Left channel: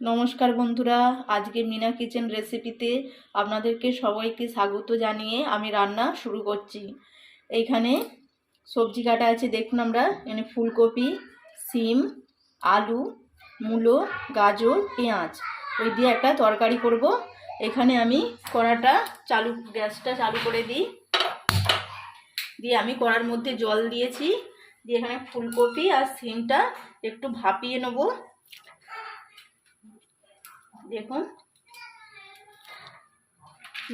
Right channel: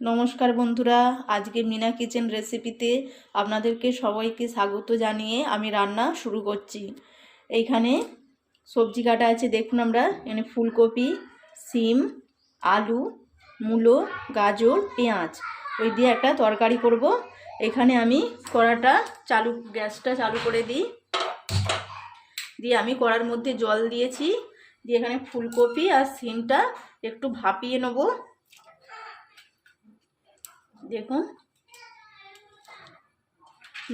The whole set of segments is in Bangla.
নমস্কার বন্ধুরা, আজকে মিনা কিচেন রেসিপিতে আপনাদেরকে সবাইকে স্বাগত জানিয়ে আমি রান্না শুরু করছি। এইখানে সবজি কাটা আছে, দেখুন আমরা, এখানে ফুলকপি, সিম, আলু, মূলো, গাজর, পেঁয়াজ, ওই দিয়ে একটা তরকারি করব। এখানে আমি কড়াটা চালু, গ্যাসটা চালু করে দিই। দিয়ে আমি কড়ার মধ্যে জল দিয়েছি, দিয়ে এখানে ফুলকপি আর সিমটা একটু ভাপিয়ে নেব। দেখুন।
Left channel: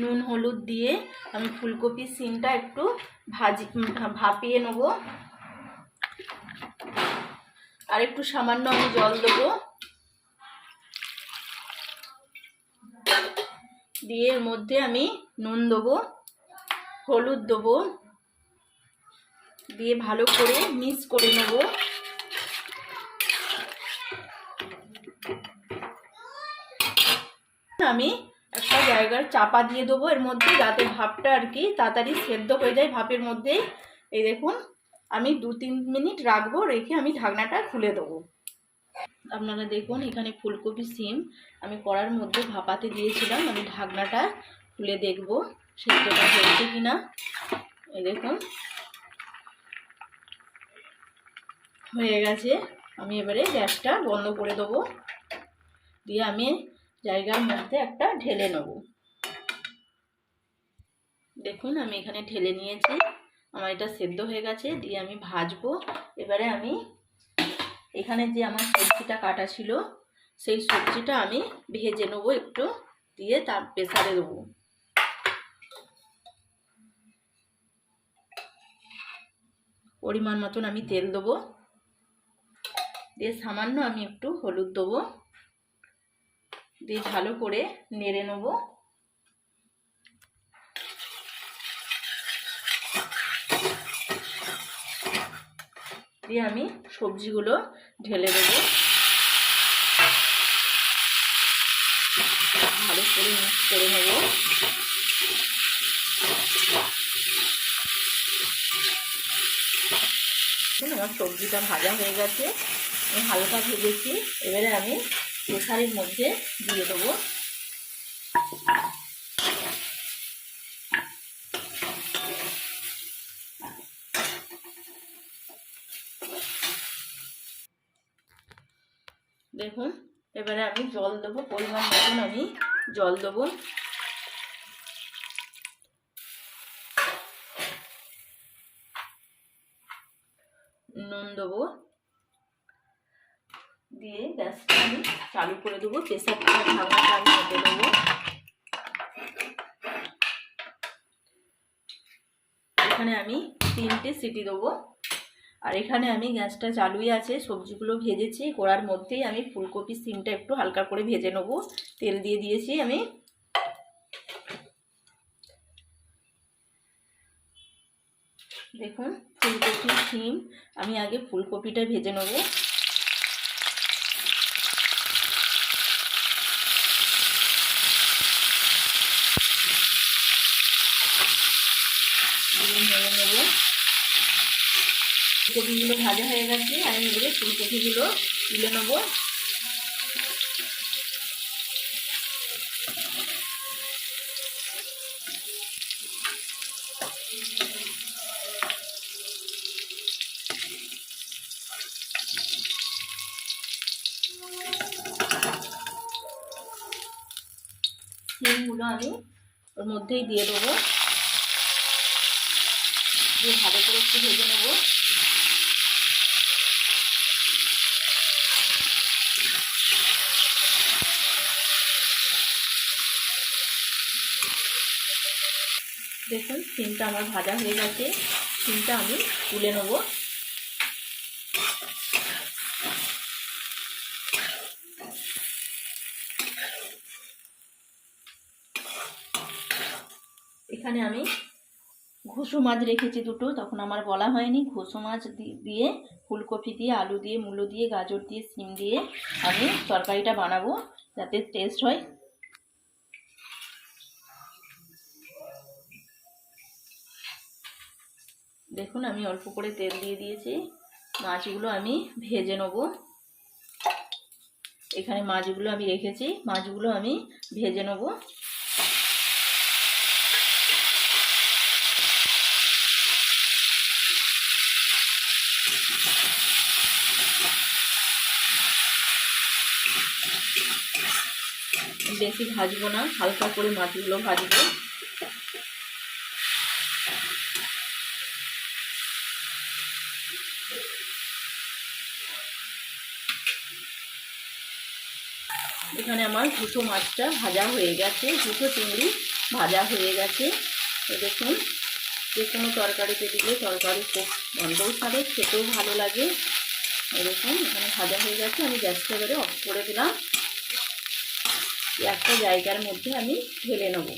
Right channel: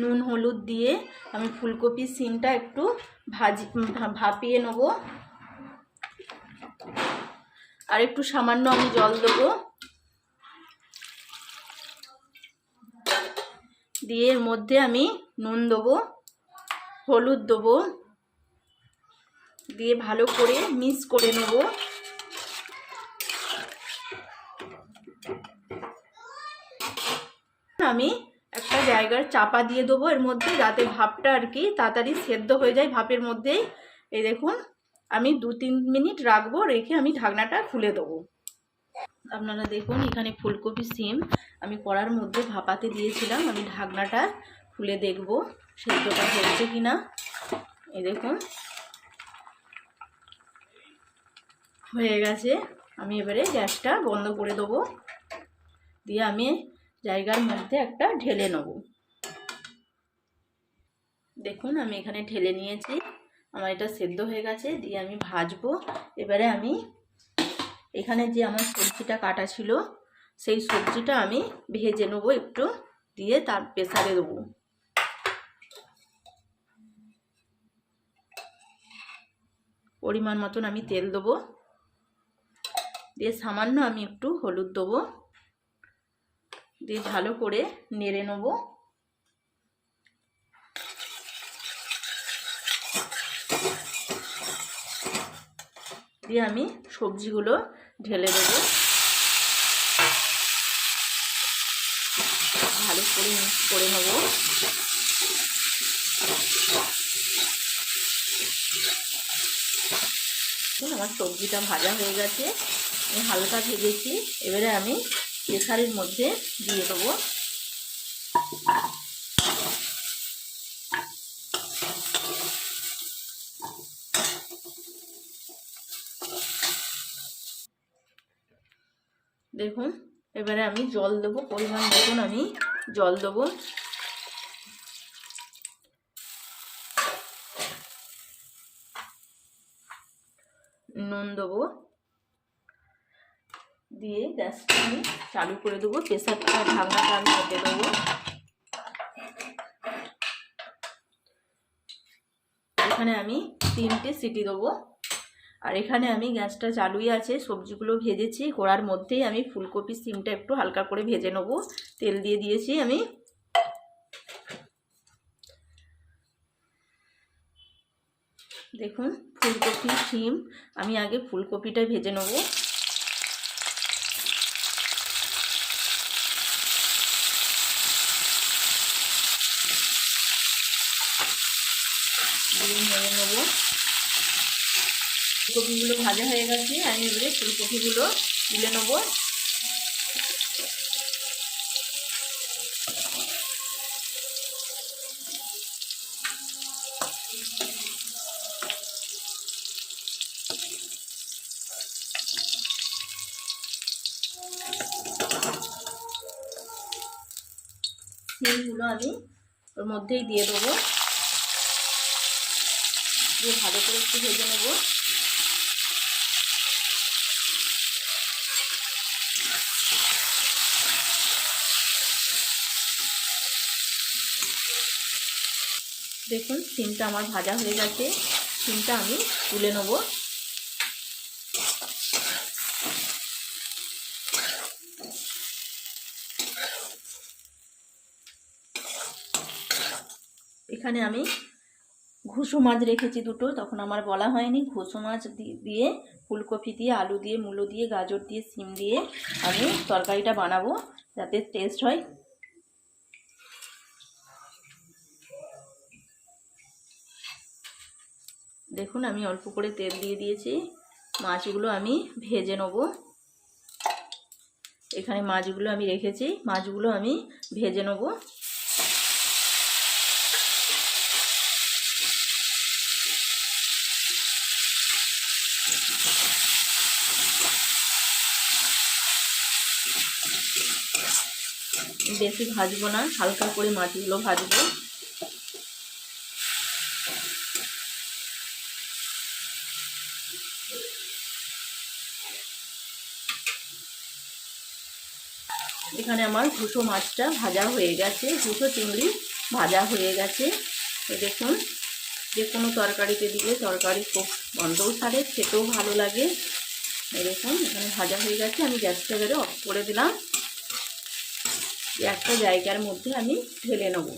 নুন, হলুদ দিয়ে আমি ফুলকপি সিমটা একটু ভাজি, ভাপিয়ে নেব। আর একটু সামান্য আমি জল দেবো। দিয়ে এর মধ্যে আমি নুন দেবো, হলুদ দেবো। দিয়ে ভালো করে মিক্স করে নেব। আমি একটা জায়গার চাপা দিয়ে দেবো। এর মধ্যে যাতে ভাপটা আর কি তাড়াতাড়ি সেদ্ধ হয়ে যায় ভাপের মধ্যেই। এই দেখুন, আমি দু তিন মিনিট রাখব, রেখে আমি ঢাকনাটা খুলে দেবো। আপনারা দেখুন, এখানে ফুলকপি সিম আমি কড়ার মধ্যে ভাপাতে দিয়েছিলাম। আমি ঢাকনাটা খুলে দেখব, সেদ্ধটা হয়েছে কি না এই দেখুন, হয়ে গেছে। আমি এবারে গ্যাসটা বন্ধ করে দেবো। দিয়ে আমি জায়গার মধ্যে একটা ঢেলে নেব। দেখুন, আমি এখানে ঢেলে নিয়েছি। আমার এটা সেদ্ধ হয়ে গেছে, দিয়ে আমি ভাজবো। এবারে আমি এখানে যে আমার সবজিটা কাটা ছিল, সেই সবজিটা আমি ভেজে নেব একটু, দিয়ে তার প্রেসারে দেবো। পরিমাণ মতন আমি তেল দেবো। দিয়ে সামান্য আমি একটু হলুদ দেবো। দিয়ে ভালো করে নেড়ে নেব। দিয়ে আমি সবজিগুলো ঢেলে দেবো। ভালো করে মিক্স করে নেব। আমার সবজিটা ভাজা হয়ে গেছে। আমি হালকা ভেজেছি। এবারে আমি প্রেসারের মধ্যে দিয়ে দেবো। দেখুন, এবারে আমি জল দেবো, পরিমাণ মতন আমি জল দেবো। নুন দেবো। দিয়ে গ্যাসটা আমি চালু করে দেবো। প্রেসারটা ঢাকনাটা আমি কেটে দেবো। এখানে আমি তিনটে সিটি দেবো। আর এখানে আমি গ্যাসটা চালুই আছে, সবজিগুলো ভেজেছি। কড়ার মধ্যেই আমি ফুলকপি সিমটা একটু হালকা করে ভেজে নেব। তেল দিয়ে দিয়েছি আমি। দেখুন, ফুলকপি সিম, আমি আগে ফুলকপিটা ভেজে নেব। নেব। ফুলকপিগুলো ভাজা হয়ে গেছে, আমি এবারে ফুলকপিগুলো তুলে নেব। সিমগুলো আমি ওর মধ্যেই দিয়ে দেবো। দিয়ে ভালো করে একটু ভেজে নেব। দেখুন, সিমটা আমার ভাজা হয়ে গেছে। সিমটা আমি তুলে নেব। এখানে আমি ঘুষু মাছ রেখেছি দুটো, তখন আমার বলা হয়নি। ঘুষু মাছ দিয়ে, ফুলকপি দিয়ে, আলু দিয়ে, মূলো দিয়ে, গাজর দিয়ে সিম দিয়ে আমি তরকারিটা বানাবো যাতে টেস্ট হয়। দেখুন, আমি অল্প করে তেল দিয়ে দিয়েছি। মাছগুলো আমি ভেজে নেব। এখানে মাছগুলো আমি রেখেছি, মাছগুলো আমি ভেজে নেব। বেশি ভাজবো না, হালকা করে মাছগুলো ভাজবো। এখানে আমার দুটো মাছটা ভাজা হয়ে গেছে, দুটো চিংড়ি ভাজা হয়ে গেছে। দেখুন, যে কোনো তরকারিতে দিলে তরকারি খুব গন্ধও ছাড়ে, খেতেও ভালো লাগে। দেখুন, এখানে ভাজা হয়ে গেছে, আমি গ্যাসটা এবারে অফ করে দিলাম। একটা জায়গার মধ্যে আমি ঢেলে নেব।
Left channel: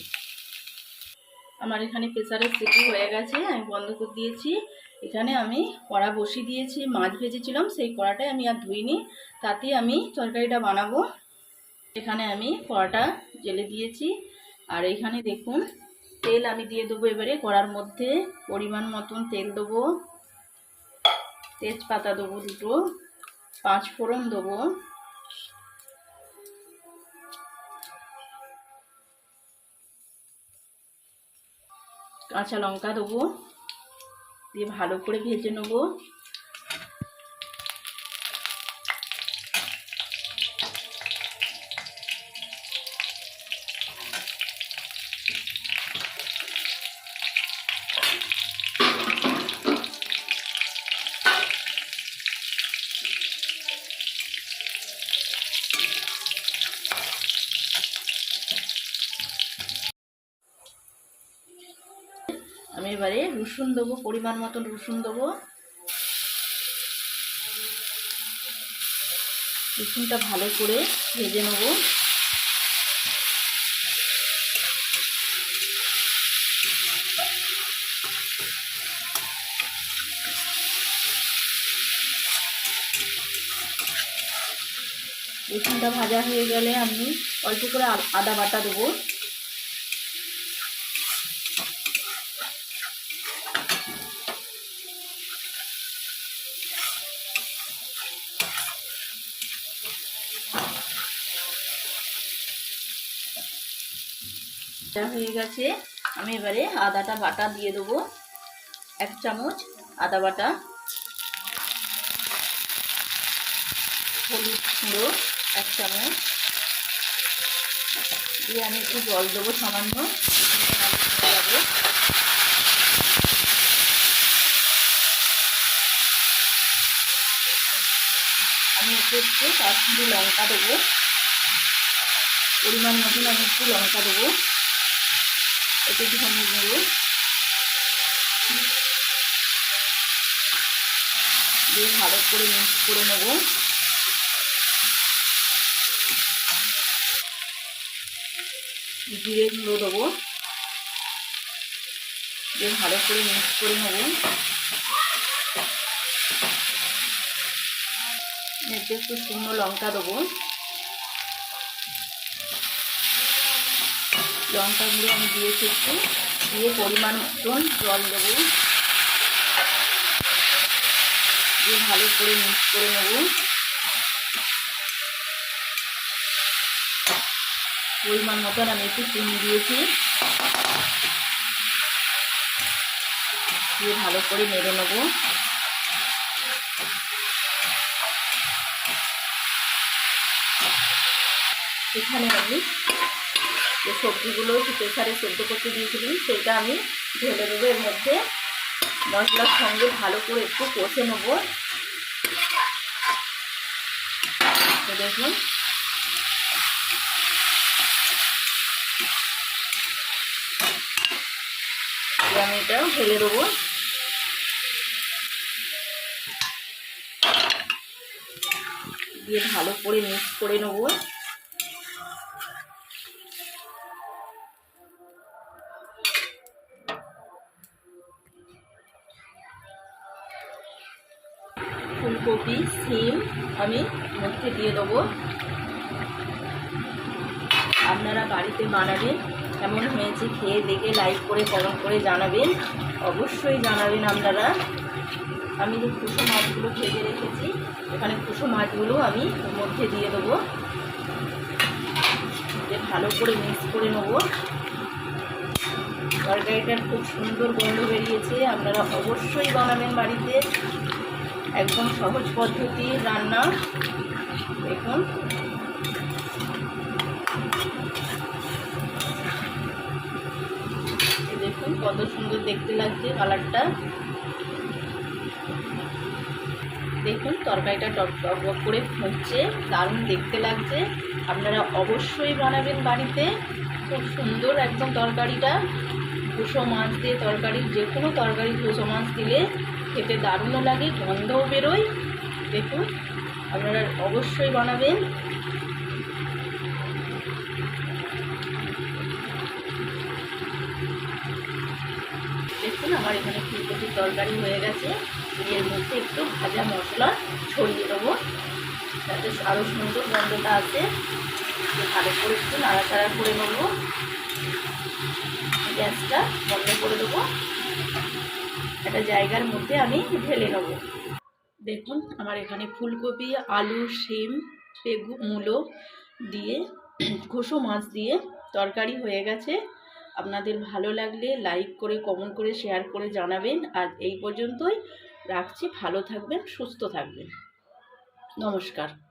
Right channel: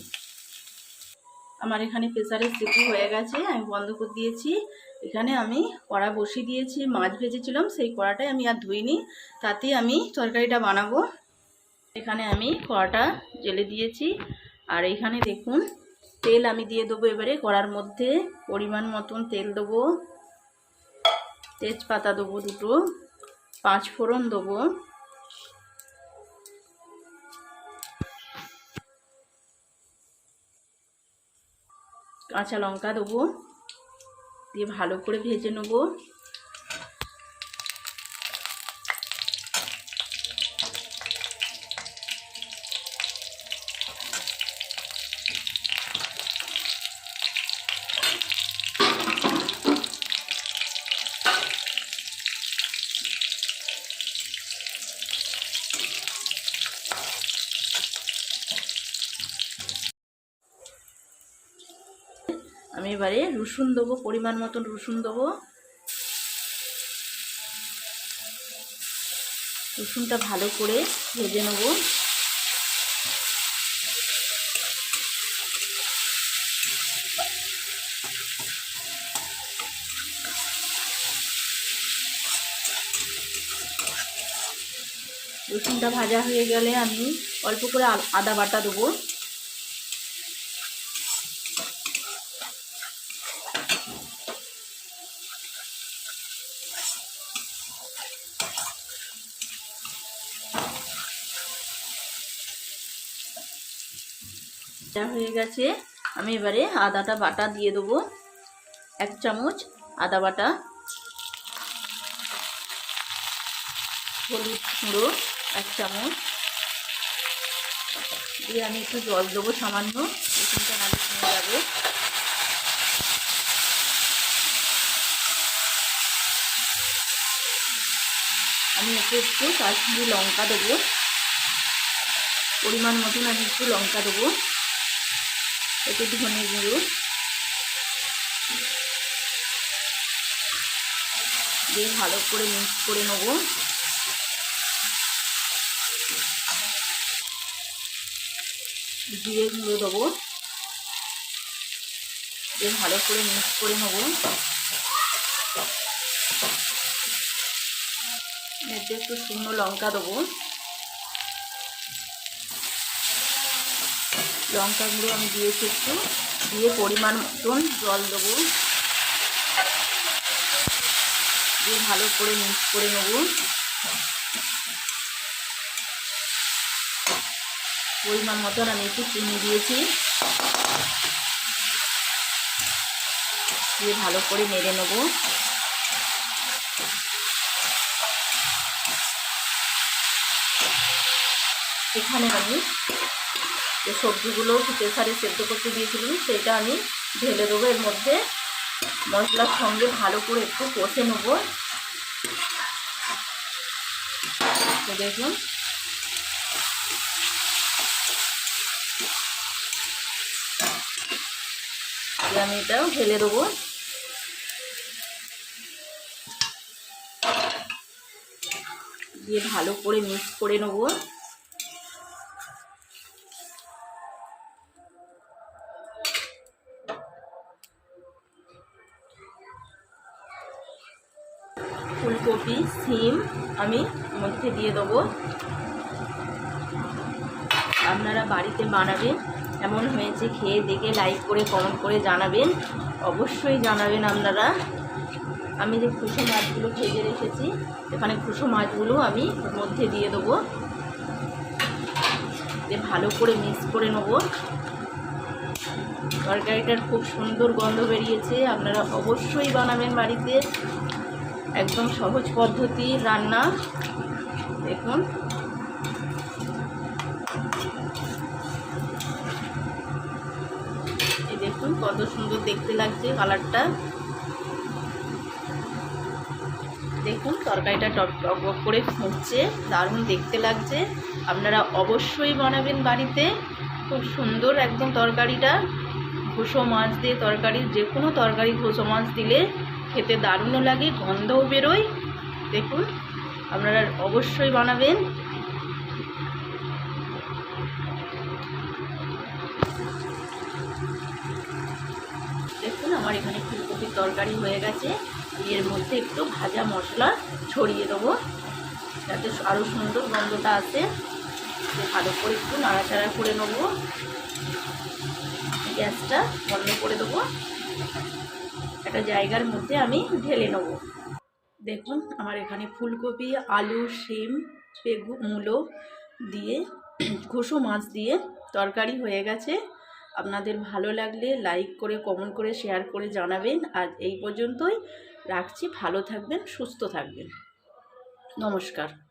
আমার এখানে প্রেসারের সিটি হয়ে গেছে, আমি বন্ধ করে দিয়েছি। এখানে আমি কড়া বসিয়ে দিয়েছি, মাছ ভেজেছিলাম, সেই কড়াটাই আমি আর ধুইনি। তাতেই আমি তরকারিটা বানাবো। এখানে আমি কড়াটা জেলে দিয়েছি। আর এখানে দেখুন, তেল আমি দিয়ে দেবো এবারে। কড়ার মধ্যে পরিমাণ মতন তেল দেবো। তেজপাতা দেবো দুটো। পাঁচ ফোড়ন দেবো। কাঁচা লঙ্কা দেবো দিয়ে ভালো করে ভেজে নেব। আমি এবারে রসুন দেবো, পরিমাণ মতন রসুন দেবো। রসুনটা ভালো করে ভেজে নেব। রসুনটা ভাজা হয়ে গেলে আমি অল্প করে আদা বাটা দেবো। যা হয়ে গেছে। আমি এবারে আদাটা বাটা দিয়ে দেবো। এক চামচ আদা বাটা। হলুদ গুঁড়ো এক চামচ। দিয়ে আমি একটু জল দেবো সামান্য। আমি একটু একটু কাশ্মীরি লঙ্কা দেবো। পরিমাণ মতন আমি একটু লঙ্কা দেবো। একটু ধনে গুঁড়ো দিয়ে ভালো করে মিক্স করে নেব। জিরে গুঁড়ো দেবো। দিয়ে ভালো করে মিক্স করে নেব। একটু শুকনো লঙ্কা দেবো। লঙ্কা গুঁড়ো আমি দিয়েছি একটু দিয়ে পরিমাণ মতন জল দেবো। দিয়ে ভালো করে মিক্স করে নেব। পরিমাণ মতন আমি একটু চিনি দিয়েছি। দিয়ে ভালো করে নেড়ে নেব। এখানে আমি যে সবজিগুলো প্রেসারে সেদ্ধ করতে দিয়েছিলাম সেটা আমি ঢেলে দেবো। এর মধ্যে মশলার সঙ্গে ভালো করে একটু কষে নেব। দেখুন। আমি এটা ঢেলে দেবো। দিয়ে ভালো করে মিক্স করে নেব। আমি মধ্যে দিয়ে দেবো। আপনারা বাড়িতে বানাবেন, কেমন হয়েছে খেয়ে দেখে লাইক করে কমেন্ট করে জানাবেন। অবশ্যই জানাবেন আপনারা। আমি যে খুশো মাছগুলো ভেজে রেখেছি, এখানে খুশো মাছগুলো আমি ওর মধ্যে দিয়ে দেবো। যে ভালো করে মিক্স করে নেব। তরকারিটার খুব সুন্দর গন্ধ বেরিয়েছে, আপনারা অবশ্যই বানাবেন বাড়িতে। একদম সহজ পদ্ধতি রান্না। দেখুন। দেখুন কত সুন্দর দেখতে লাগছে কালারটা। দেখুন, তরকারিটা টক টক করে ফুটছে, দারুণ দেখতে লাগছে। আপনারা অবশ্যই বানাবেন বাড়িতে। খুব সুন্দর একদম তরকারিটা। ঘুষো মাছ দিয়ে তরকারি যে কোনো তরকারি ঘুষো মাছ দিলে খেতে দারুণও লাগে, গন্ধও বেরোয়। দেখুন, আপনারা অবশ্যই বানাবেন। দেখুন, আমার এখানে ফুলকপির তরকারি হয়ে গেছে। এর মধ্যে একটু ভাজা মশলা ছড়িয়ে দেবো। যাতে আরও সুন্দর গন্ধটা আছে ভালো করে একটু নাড়াচাড়া করে নেব। গ্যাসটা বন্ধ করে দেবো। একটা জায়গার মধ্যে আমি ঢেলে নেব। দেখুন, আমার এখানে ফুলকপি, আলু, শিম বেগু মূলো দিয়ে, ঘুষো মাছ দিয়ে তরকারি হয়ে গেছে। আপনাদের ভালো লাগলে লাইক করে, কমেন্ট করে, শেয়ার করে জানাবেন। আর এই পর্যন্তই রাখছি। ভালো থাকবেন, সুস্থ থাকবেন। নমস্কার।